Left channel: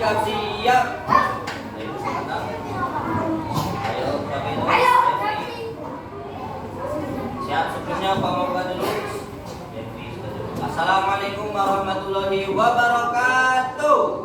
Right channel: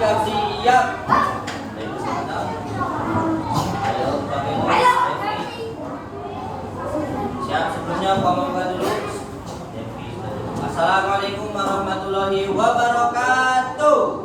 sikap siap. Ayo pakai siap sebelumnya pembuka dulu. Assalamualaikum warahmatullahi wabarakatuh.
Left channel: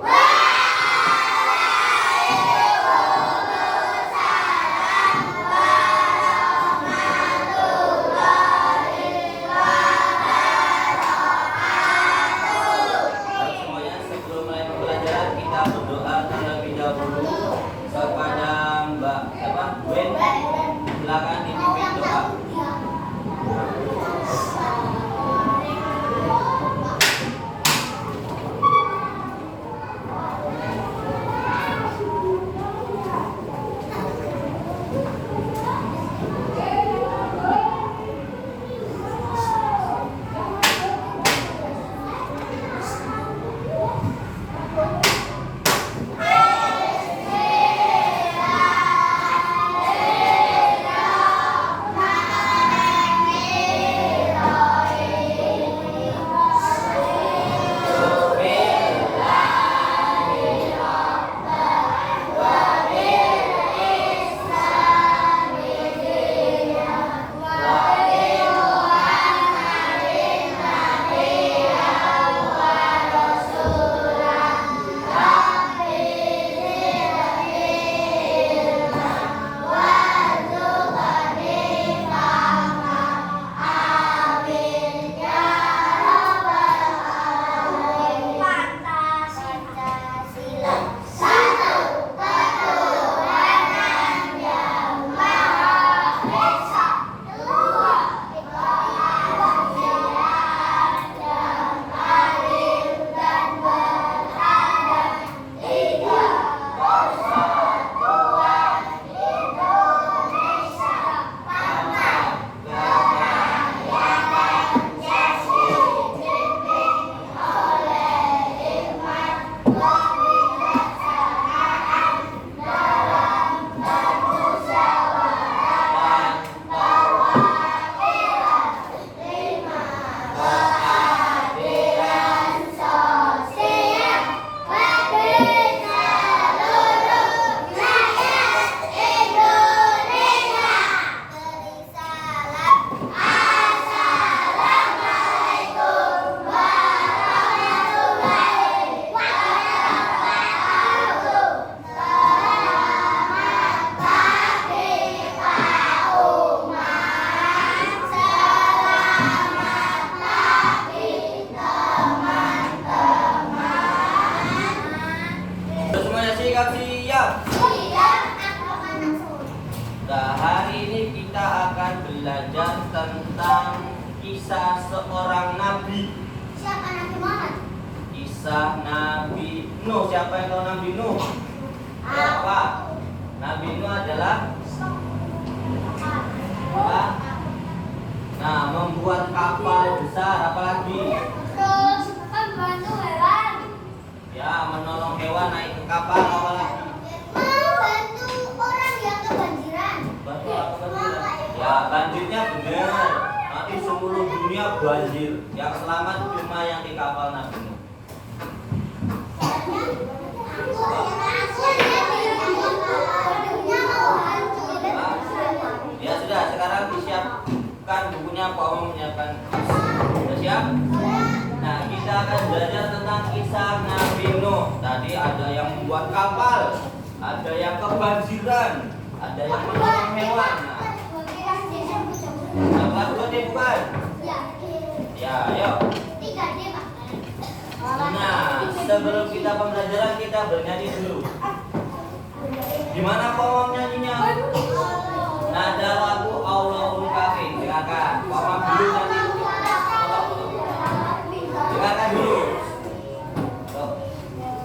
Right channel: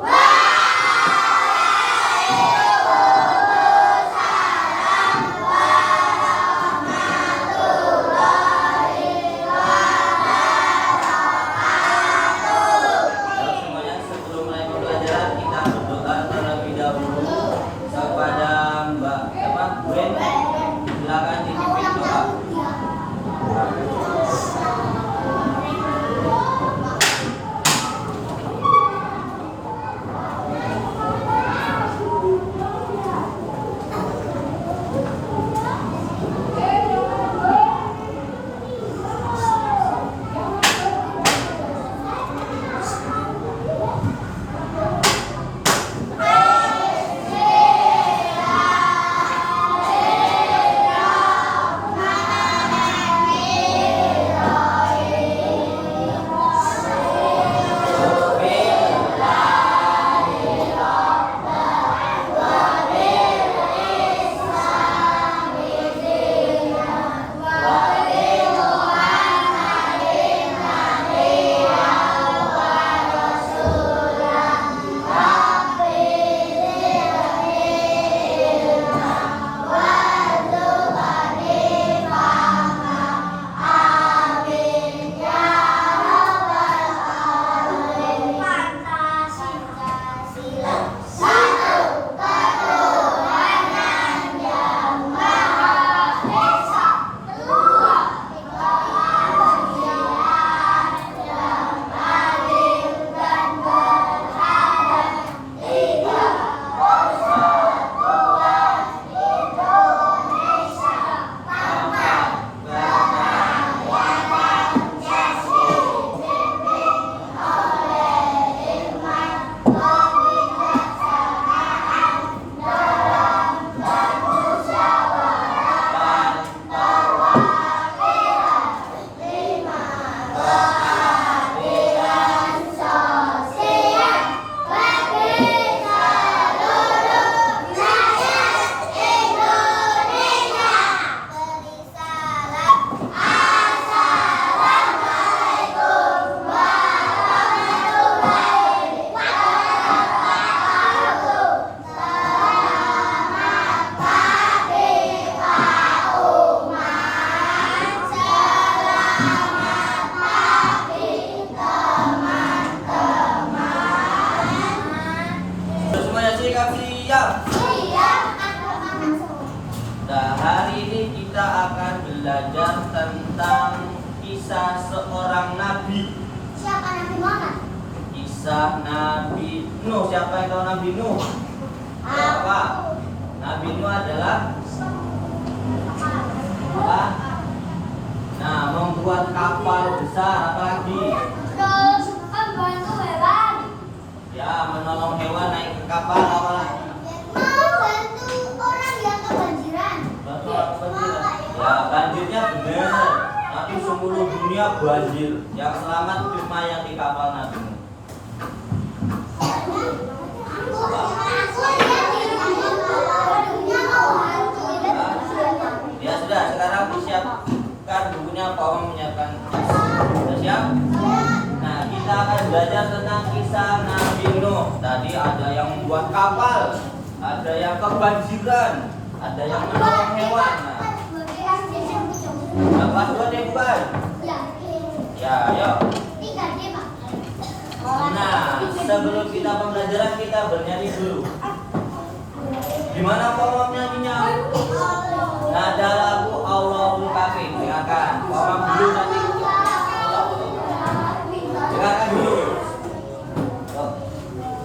Nah, hari ini kita akan belajar tentang kisah seorang nabi. Siapa Nabi Muhammad? Kisah Nabi Nuh. Siapa yang tahu Nabi Nuh? Siapa? Nabi Nuh adalah apa? Nah, membuat kapal besar, apalagi? Terus membantu hewan. Ya, menolong hewan naik ke kapal, apalagi? Membantu orang yang kebanjiran. Bantu orang kebanjiran. Ya, banjirnya benar. Nanti seluruh dunia banjir. Yang selamat cuma yang di kapal Nabi Nuh. Ya sudah, sekarang disiapkan bukunya, Pak Om menyiapkan. Sudah siap? Nah, kita akan belajar tentang kisah Nabi Nuh. Tadi ada yang membuat kapal, ada yang kebanjiran, ada yang menolong hewan. Nah, kelas 2 deh bukan? Ya, ayo. Nah, sebelum kita pembelajaran kita bernyanyi dulu. Gimana Pak Om nyanyinya? Nada lagu Allahul Kafi. Dengarkan. Pak Om dulu nanti. Dengarkan dulu.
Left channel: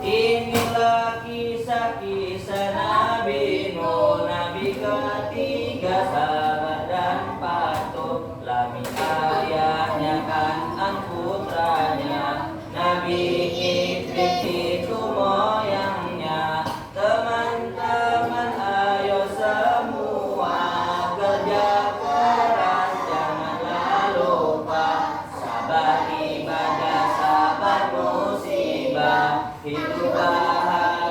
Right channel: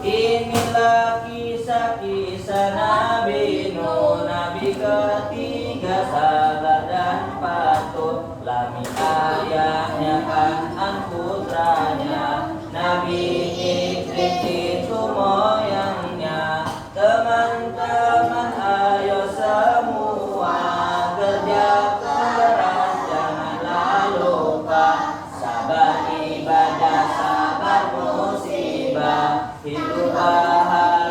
Inilah kisah-kisah Nabi Nuh, Nabi ketiga sabar dan patuh. Lami ayahnya Kan'an putranya, Nabi Idris itu moyangnya. Teman-teman ayo semua kerja keras, janganlah lupa sabar ibadah, sabar musibah, hidup bahagia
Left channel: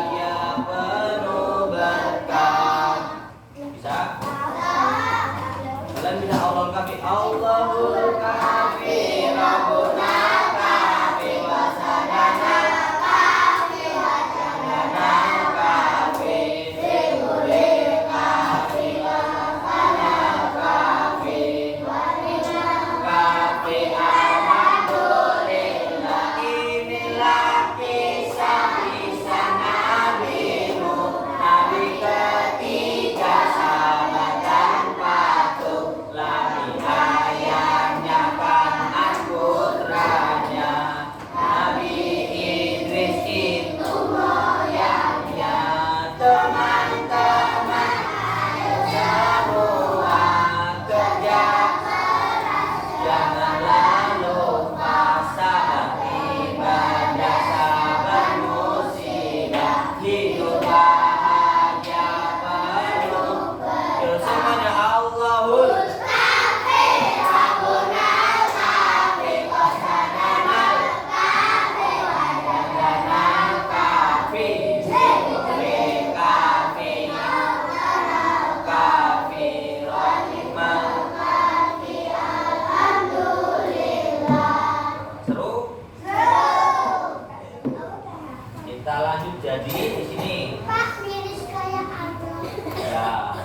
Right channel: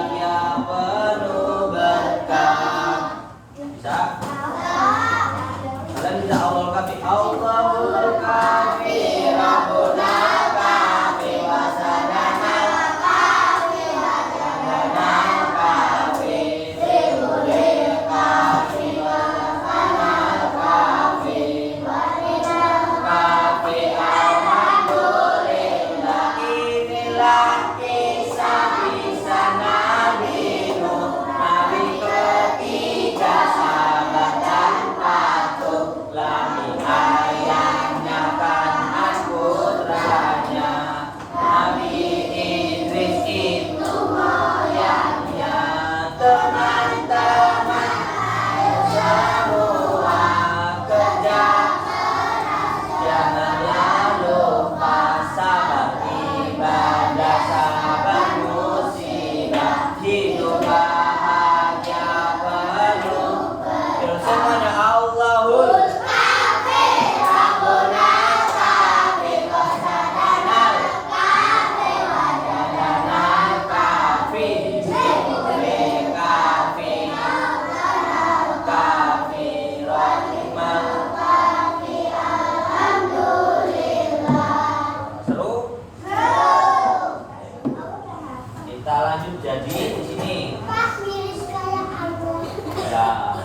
lanjut jadi di sini. Pak, miris kayak Abraham. Ya.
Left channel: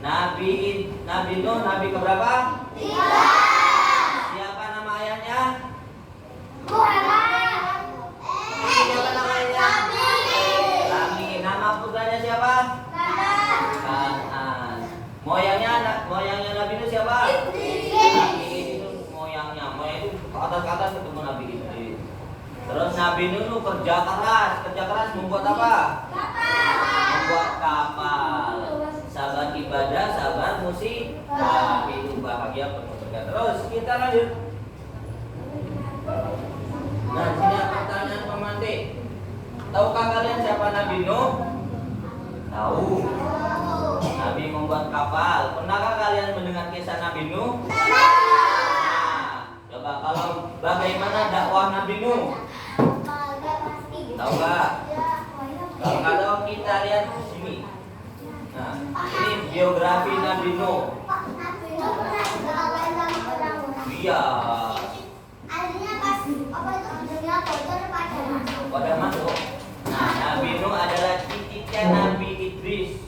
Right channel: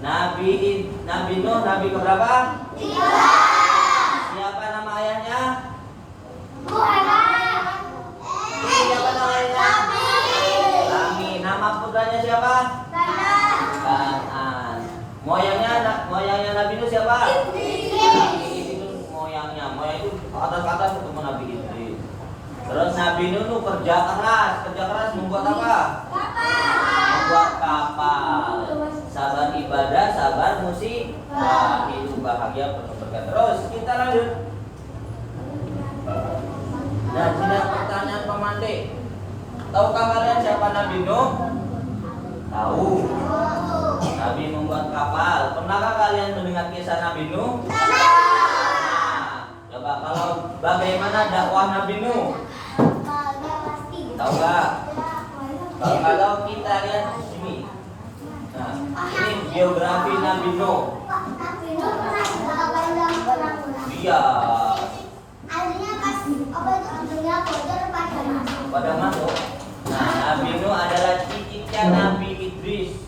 Nabi Nuh nabi keberapa? 3. Siapa nama ayahnya? Muhammad. Siapa nama ayahnya? Lami. Nama putranya siapa? Kanan. Moyangnya Nabi Nuh siapa? Nabi itu moyang itu ke atas ketemu Nabi Idris. Terus Nabi Nuh kerja keras membuat apa? Membuat kapal. Sabar ibadah, sabar musibah, hidup bahagia penuh berkah. Terus kita lanjut. Nah, sini pertanyaan pemantik. Tahukah kalian siapa Nabi Nuh? Tahu. Nabi membuat kapal. Pernahkah kalian mendengar kisah Nabi Nuh? Nah, coba kalau bagaimana dakwah Nabi Nuh? Tahu nggak? Kalau nggak tahu kita lihat di sini. Nah, ini biografi Nabi Nuh. Nabi Nuh pernah dikawain sama orang-orang. Iya. Akhirnya pas apa itu akhirnya kotor pada masuk. Nah, Nabi Nuh adalah cicitnya Nabi Idris.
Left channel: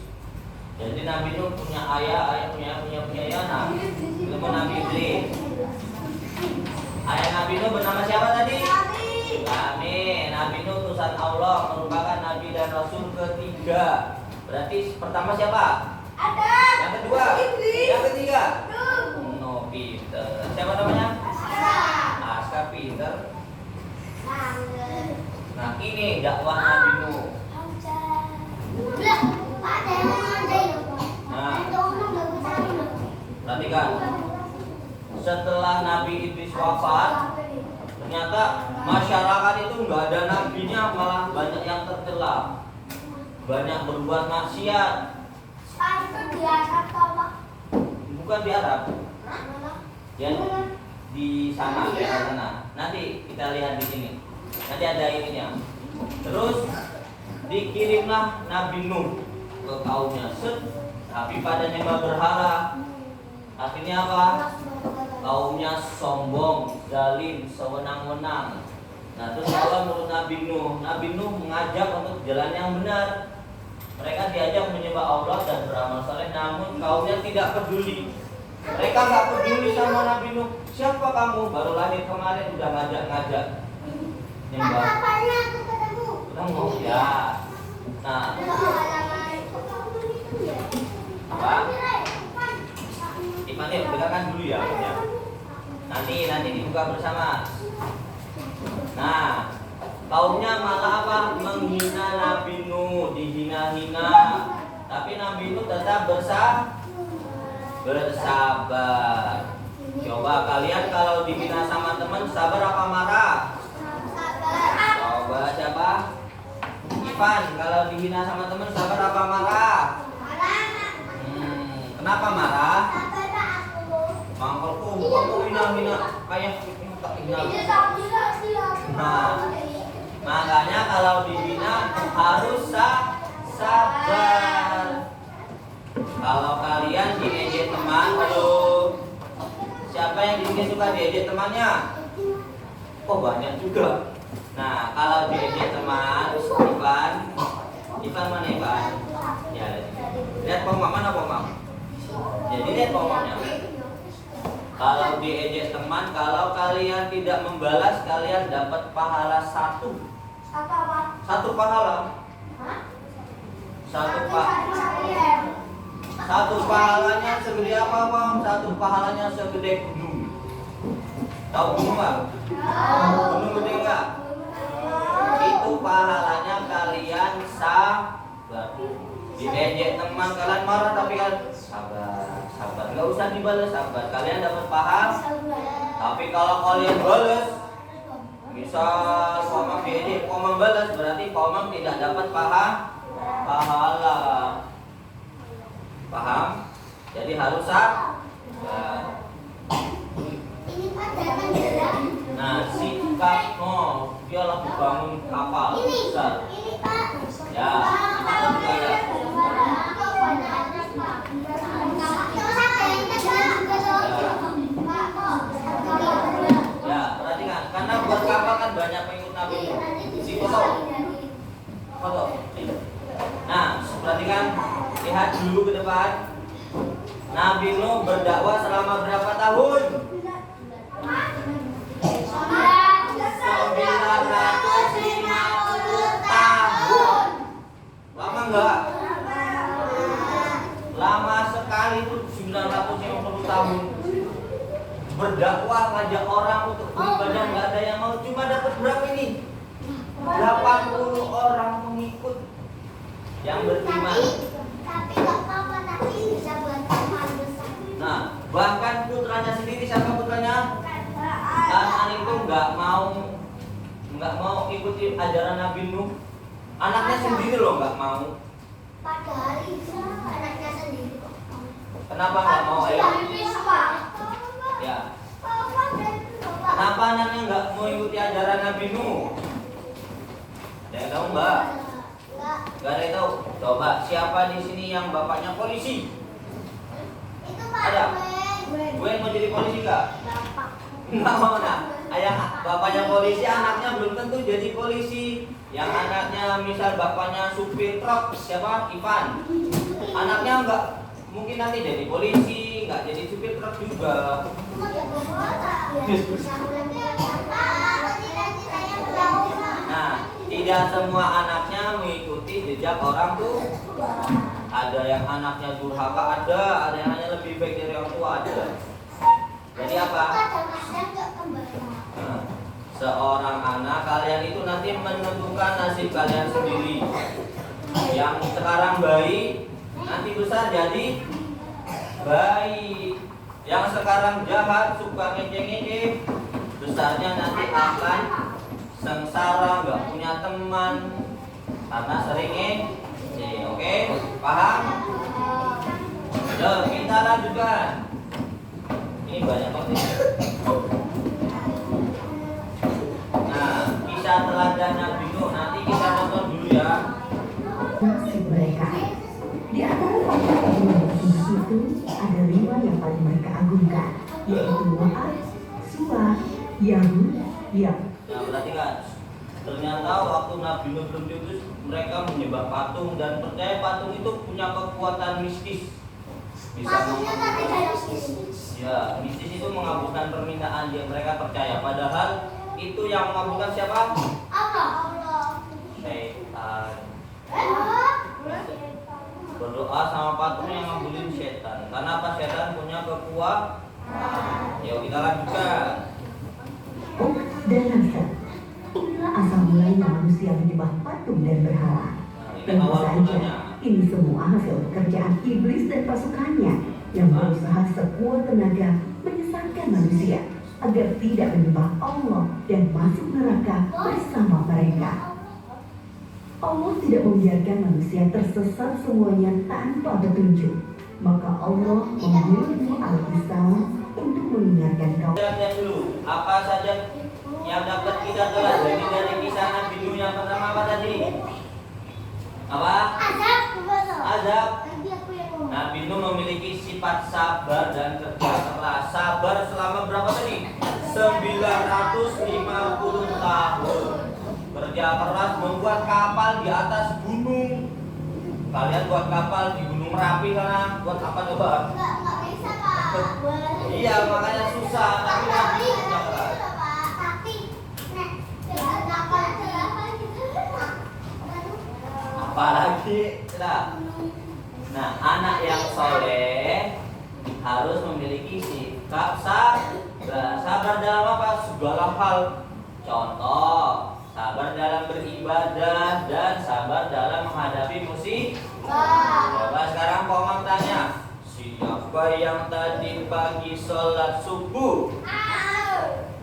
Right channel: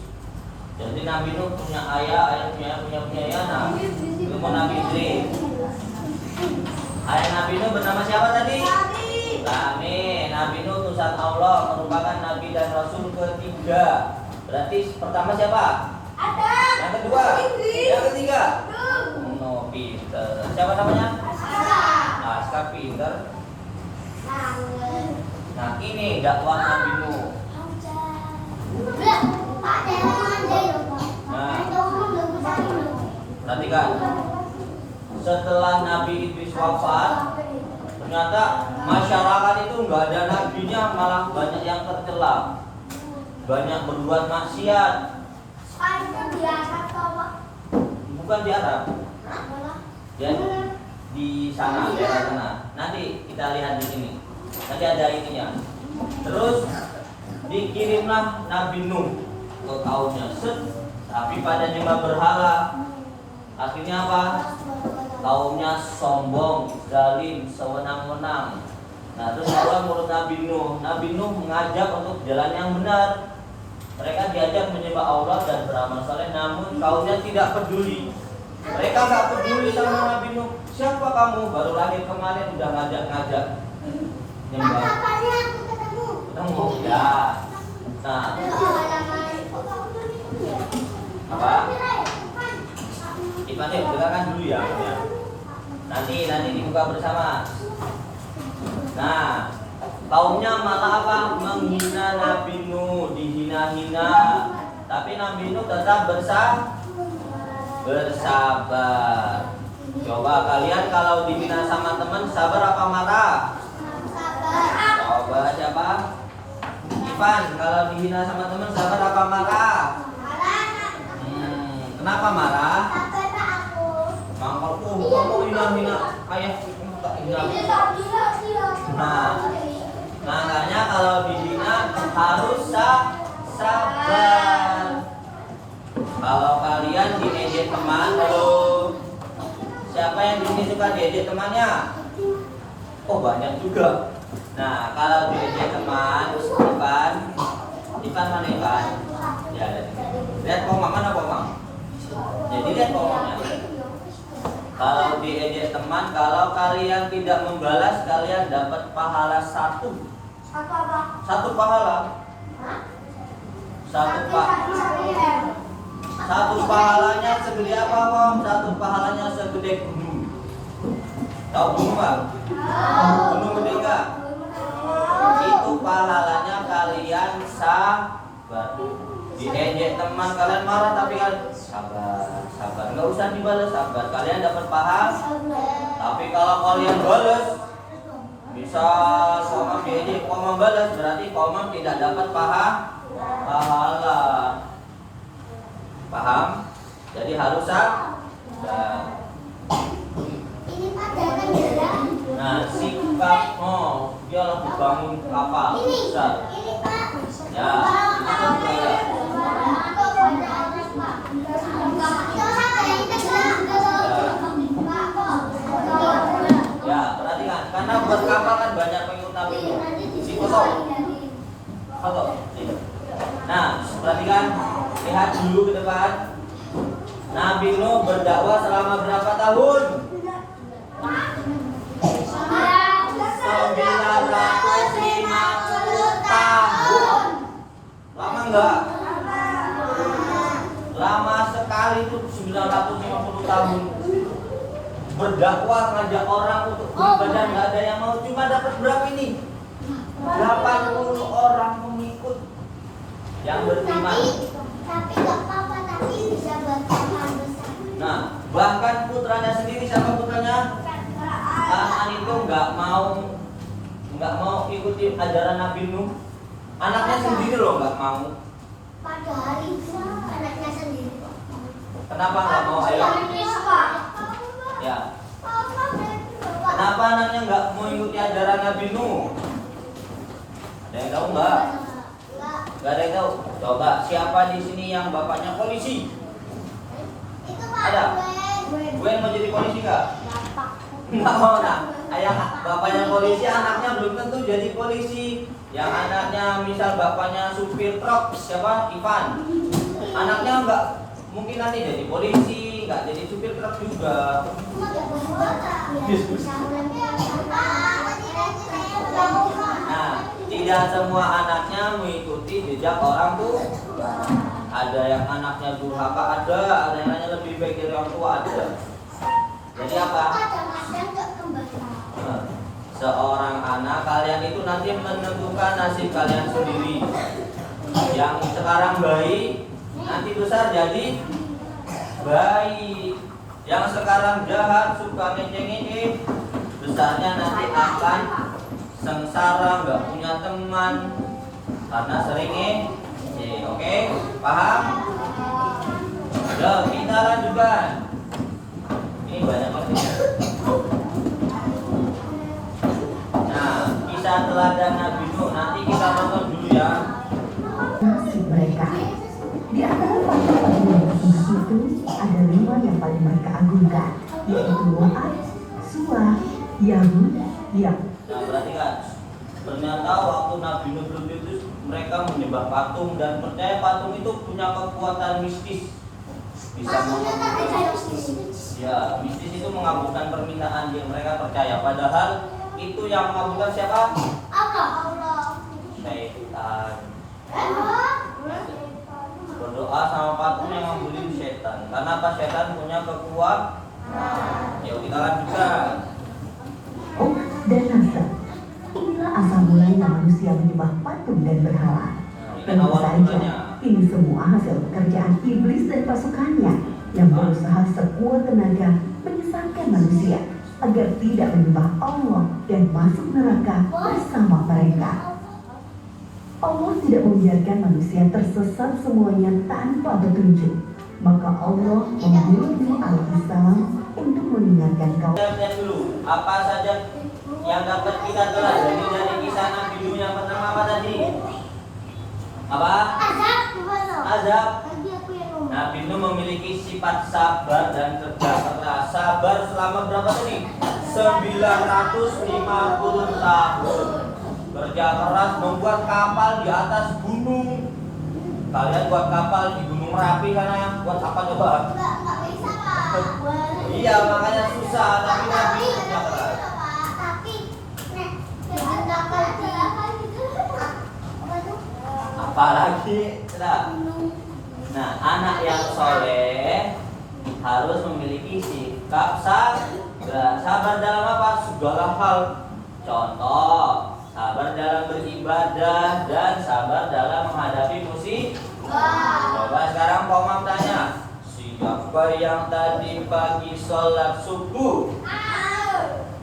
Jadi Nabi Nuh punya ayah punya anak. Itu Nabi Idris. Ayah Nabi Nuh bernama siapa tadi? Nabi Nuh utusan Allah, merupakan Nabi dan Rasul ketiga. Berarti pertama siapa? Adam. Yang kedua? Yang ketiga? No, Peter. Siapa namanya? Aska Peter. Nah, ini dakwah Nabi Nuh. Nah, perhatikan. Setelah Nabi Idris wafat, ternyata masyarakat itu nggak ada nabinya, malah banyak yang tercela, banyak berbuat maksiat. Bukan di Arab, ya di sana, daerah sana. Nanti kita lihat di sini. Nanti ada ininya. Terus dikirimlah Nabi Nuh ke kaumnya. Tapi pada nyembah berhala. Artinya apa? Kaumnya sombong, zalim, sewenang-wenang. Nah, terus Allah menurut Nabi Nuh. Nabi Nuh mengajak untuk jalan yang benar. Mereka diajak menyembah Allah dan beramal saleh, namun kaumnya tidak peduli. Mereka nggak peduli sama Nabi Nuh. Siapa kamu? Baru lahir kemarin udah ngajak-ngajak nyembah. Ketemu ya. Nah, apa? Iman yuk, dengarkan dulu ya. Nanti dibuka bersama. Nah, kaumnya malah apa? Menghina Nabi Nuh, dihina-hina. Tapi Nabi Nuh tetap bersabar. Coba kalian kalau dihina sama teman, sabar apa marah? Coba siapa? Ivan, kalau dihina sama teman, sabar apa marah? Kenapa marah? Mangkalku, kamu hina-hina kayak hina. Nah, makanya kalau dihina harus sabar. Kalau kalian diejek teman, siapa yang di sini suka diejek temannya? Oh, banyak juga. Nah, kalau diejek teman, Ivan mana Ivan? Ya, lihat pomam mana pomam? Jadi lihat pomamnya. Kalau diejek teman, kalau kalian tidak membalas, kalian dapat pahala satu. Satu pahala. Satu pahalanya segede apa, Om? Satu pahalanya segede gunung. Tahu gunung nggak? Gunung gede nggak? Itu pahalanya kalian sabar. Diejek teman kalian marah tapi kalian sabar. Nggak usah dibalas, sabar. Kalian dapat pahala. Tapi kalau kalian balas, misal Komam diejek, Komam balas, berarti Komam tidak dapat pahala. Paham? Jadi harus sabar. Nah, sifat dia lagi bangun kapal besar. Ya, itu juga ya. Ya, perhatikan, karena buat kapal kan banyak pengikut Nabi Nuh. Di situ Foto. Nah, perhatikan, lihat dulu ke depan. Nabi Nuh berdakwah selama berapa tahun? 950 tahun. Lama enggak? Lama sekali itu 950 tahun. Berdakwah ngajak orang untuk beribadah, nggak ada yang mau. Cuma dapat berapa ini? 80 orang mengikut yang beriman. Tapi nggak apa-apa, tapi bisa buat amal besar. Nah, bahkan putranya sendiri, siapa putranya? Kan'an itu nggak mau ikuti ajaran Nabi Nuh. Anaknya sendiri loh nggak mau. Padahal itu anaknya sendiri. Kenapa nggak mau? Ayo. Ya. Kenapa anaknya nggak mau ikuti ajaran Nabi Nuh? Ada yang tahu nggak? Nggak ada yang tahu. Coba siapa di sini yang bapaknya polisi? Itu Pak Ada? Gwen. Gwen mau jadi polisi nggak? Nggak mau. Nah, ayah bapaknya polisi, anaknya belum tentu jadi polisi. Yang anaknya misal bapaknya supir truk, siapa? Ivan. Anaknya nggak mungkin nanti jadi polisi, nggak jadi supir truk juga. Nah, tidak semua anaknya mengikuti jejak orang tua. Ada yang anaknya durhaka, ada yang anaknya lebih baik dari orang tua, ada. Jadi apa? Nah, seorang anak kalian itu nanti menentukan nasib kalian sendiri. Yang sekarang baik, nanti besar jadi baik. Yang sekarang jahat, suka ngece-ngece, besarnya nanti akan sengsara, nggak punya teman karena sering ngece. Oke, paham? Loh, kita lanjutkan. Ini banyak banget. Nah, kisah teladan Nabi Nuh nanti kita tonton dulu ya. Nasib mereka. Di antara panggilan yang itu ada 5 yang paling mereka agungkan, yaitu Moab, Suah, Yahud, Yam. Nah, perhatikan. Ternyata waktu Nabi Nuh belum diutus, mereka menyembah patung dan percaya patung itu punya kekuatan mistis. Bisa mengabulkan, ya, mistis itu mengabulkan permintaan yang mereka percaya. Padahal itu yang mengabulkan siapa? Setan. Berdoa sama patung yang ngabulin setan. Karena apa? Setan punya kekuatan. Yuk kita lanjutkan. Ok dan Nasr. Inilah asal mulanya manusia menyembah patung dan berhala. Tentu saja, ini semua hasil pekerjaan iblis dan pasukannya yang berusaha sekuat tenaga menyesatkan manusia agar tidak menyembah Allah dan masuk neraka bersama mereka. Allah tidak membiarkan manusia tersesat semuanya tanpa petunjuk. Maka Allah memilih alkitab untuk mengingatkan kaum. Lihat dulu, apa saja yang dapat kita pelajari dari kisah Nabi Nuh yang pertama apa tadi? Apa? Azab. Nabi Nuh memiliki sifat sabar dan kerja keras. Sabar selama berapa tadi? 950 tahun. Kerja keras membuat kapal di atas gunung. Kalian buat kapal di Gunung Merapi sana yang buat apa coba? Nggak bisa Pak. Iya, makanya susah, tapi Nabi Nuh kerja keras. Tapi, kapal Apalagi, nah, anak yang soleh harus memiliki sikap sabar. Sabar dalam apa? Segala hal. Contoh, sabar dalam beribadah dan sabar dalam menghadapi musibah. Coba sekarang Pak Umam tanya, siapa yang tadi pagi sholat subuh?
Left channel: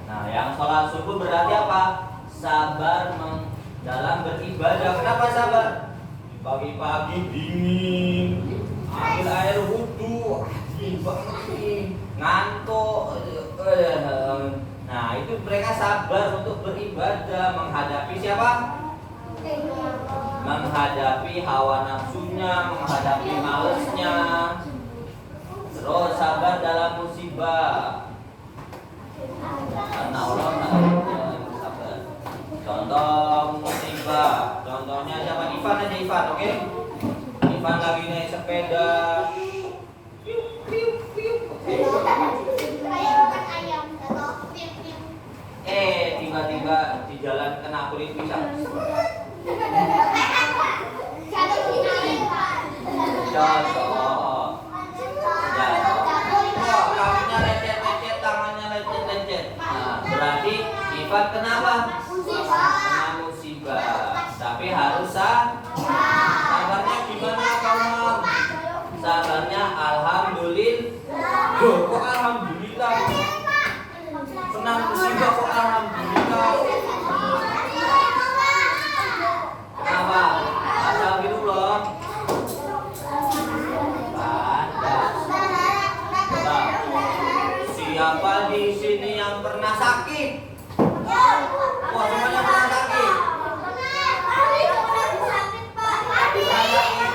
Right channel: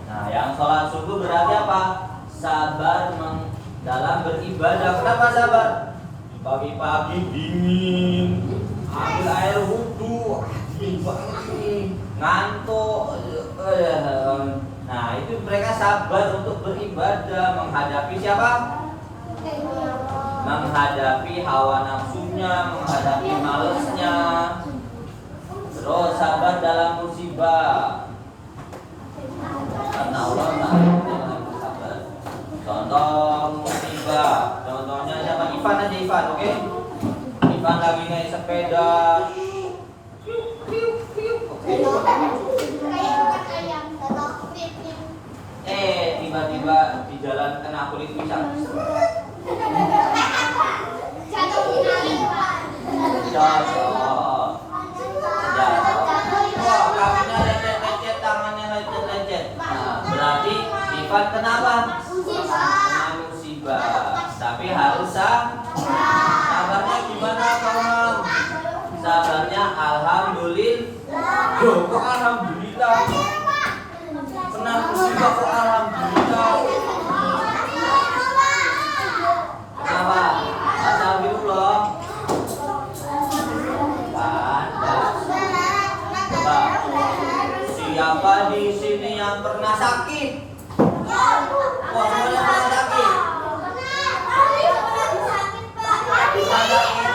Nah, yang sholat subuh berarti apa? Sabar dalam beribadah. Kenapa sabar? Pagi-pagi dingin, ambil air wudhu, dingin banget nih, ngantuk. Nah, itu mereka sabar untuk beribadah, menghadapi siapa? Menghadapi hawa nafsunya, menghadapi malesnya. Terus sabar dalam musibah. Karena Allah Ta'ala sabar. Contoh musibah, contohnya siapa nih? Ivan aja Ivan, oke? Ivan lagi naik sepeda. Tiba-tiba di jalan kena kulit pisang. Jatuh. Wah, kakinya lecet-lecet, tangannya lecet-lecet. Nah, berarti Ivan kenapa? Kena musibah. Tapi harus sabarnya gimana kawan? Sabarnya alhamdulillah. Loh, kok alhamdulillah? Kena musibah kok alhamdulillah? Kenapa? Astagfirullah. Siapa di sini yang pernah sakit? Wah, semuanya pernah sakit. Pernah sakit?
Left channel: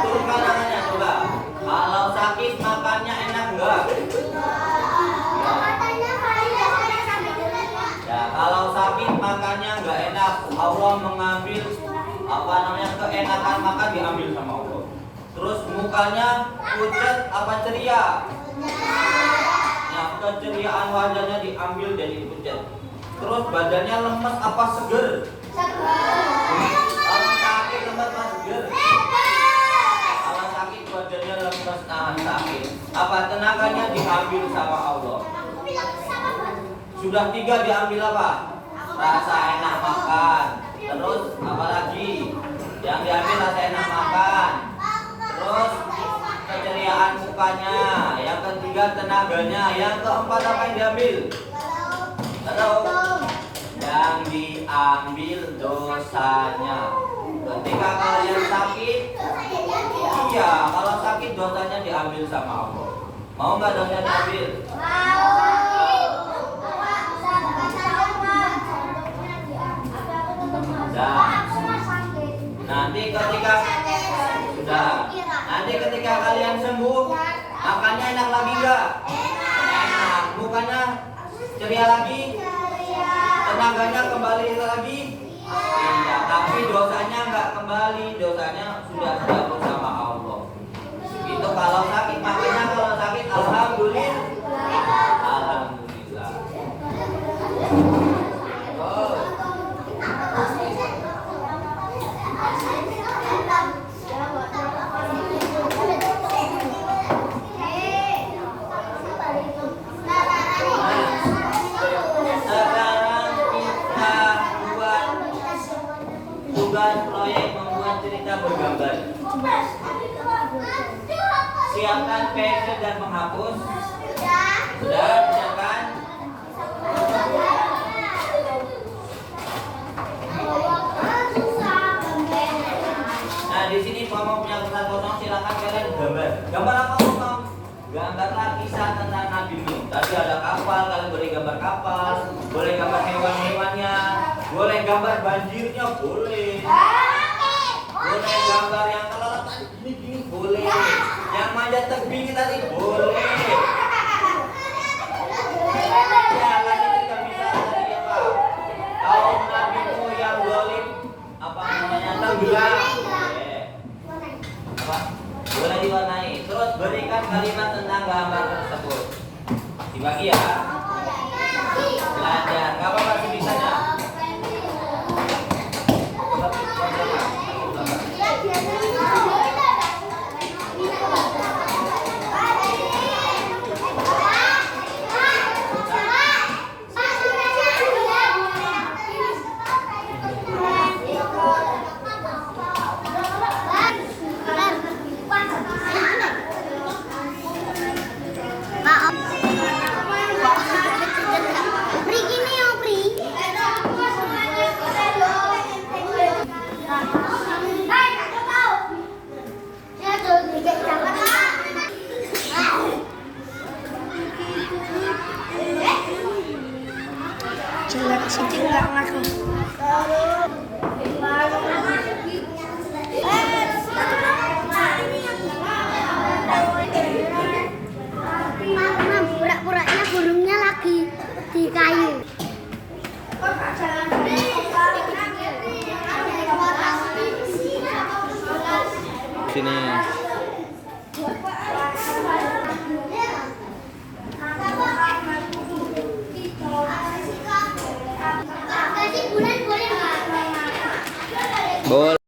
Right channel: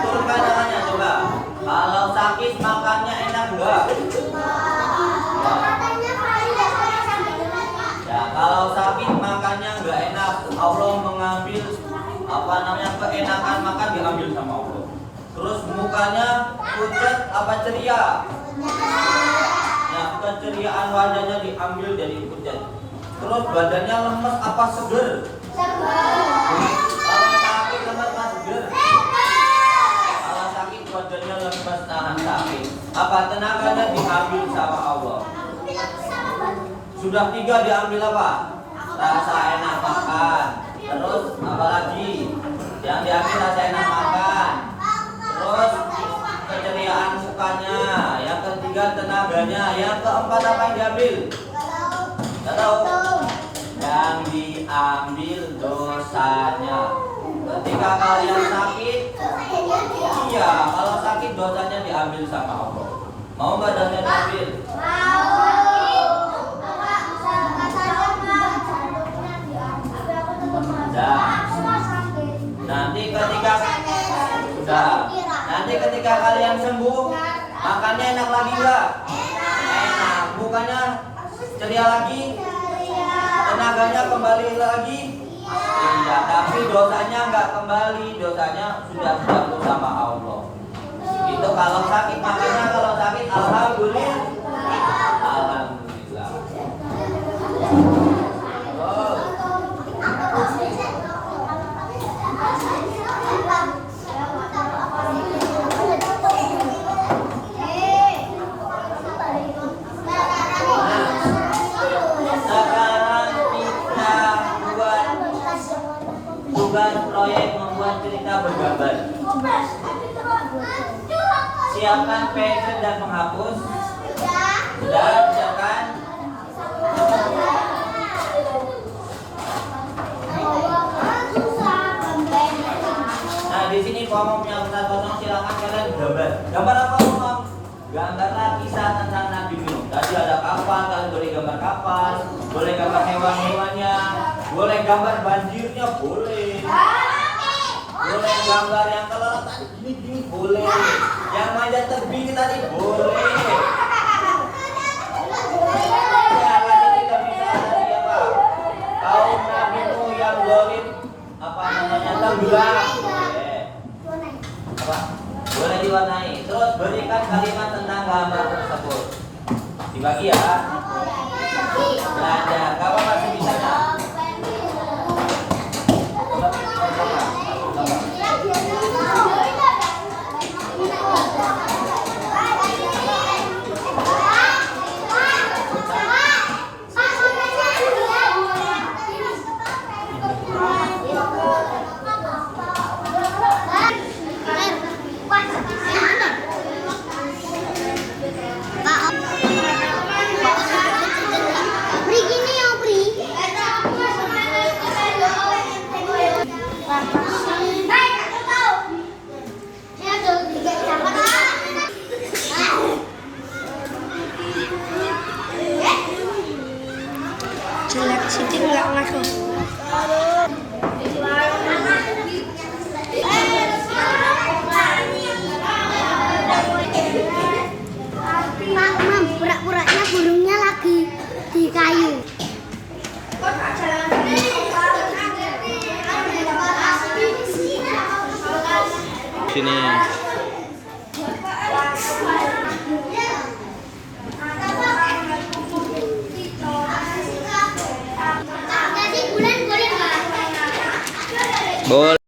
Turunkan tangannya coba. Kalau sakit makannya enak enggak? Ya, kalau sakit makannya enggak enak. Allah mengambil keenakan makan diambil sama Allah. Terus mukanya pucat apa ceria? Yang keceriaan wajahnya diambil jadi pucat. Terus badannya lemes apa seger? Kalau sakit lemes apa seger? Kalau sakit badannya lemes tahan sakit. Apa tenaganya diambil sama Allah? Sudah 3 diambil apa? Rasa enak makan. Terus apa lagi? Yang diambil rasa enak makan. Terus keceriaan mukanya. Yang ketiga tenaganya. Yang keempat apa yang diambil? Gak tahu. Yang diambil dosanya. Ketika kalian sakit, iya, kalau sakit dosanya diambil sama Allah. Mau nggak dosanya diambil? Nanti ketika kalian sembuh, makannya enak lagi nggak? Enak. Mukanya ceria lagi, tenaganya kembali lagi. Iya, tapi dosanya nggak kembali, dosanya sudah dihapus sama Allah. Itu kalau sakit, makanya kalau sakit alhamdulillah. Alhamdulillah. Oh. Tugas proyek membuat cerita bergambar. Siapkan pensil dan menghapus. Sudah siapkan? Nah, di sini Mama punya kertas kosong, silakan kalian gambar. Gambar apa Mama? Gambarlah kisah tentang Nabi Nuh. Tadi ada kapal, kalian boleh gambar kapal, boleh gambar hewan-hewannya, boleh gambar banjirnya, boleh. Boleh gambar yang kelelep gini boleh. Yang manjat tebing tadi boleh. Ya, tadi kita bisa tadi apa? Kaum Nabi Nuh yang zalim apa namanya tenggelam. Boleh. Apa? Boleh diwarnai. Terus berikan kalimat tentang gambar tersebut. Dibagi ya. Belajar. Gak apa-apa sebisanya. Jelek Siti nggak langsung. Pura-puranya burungnya lagi di kayu. sini. Kasih bulan boleh nggak? Boleh.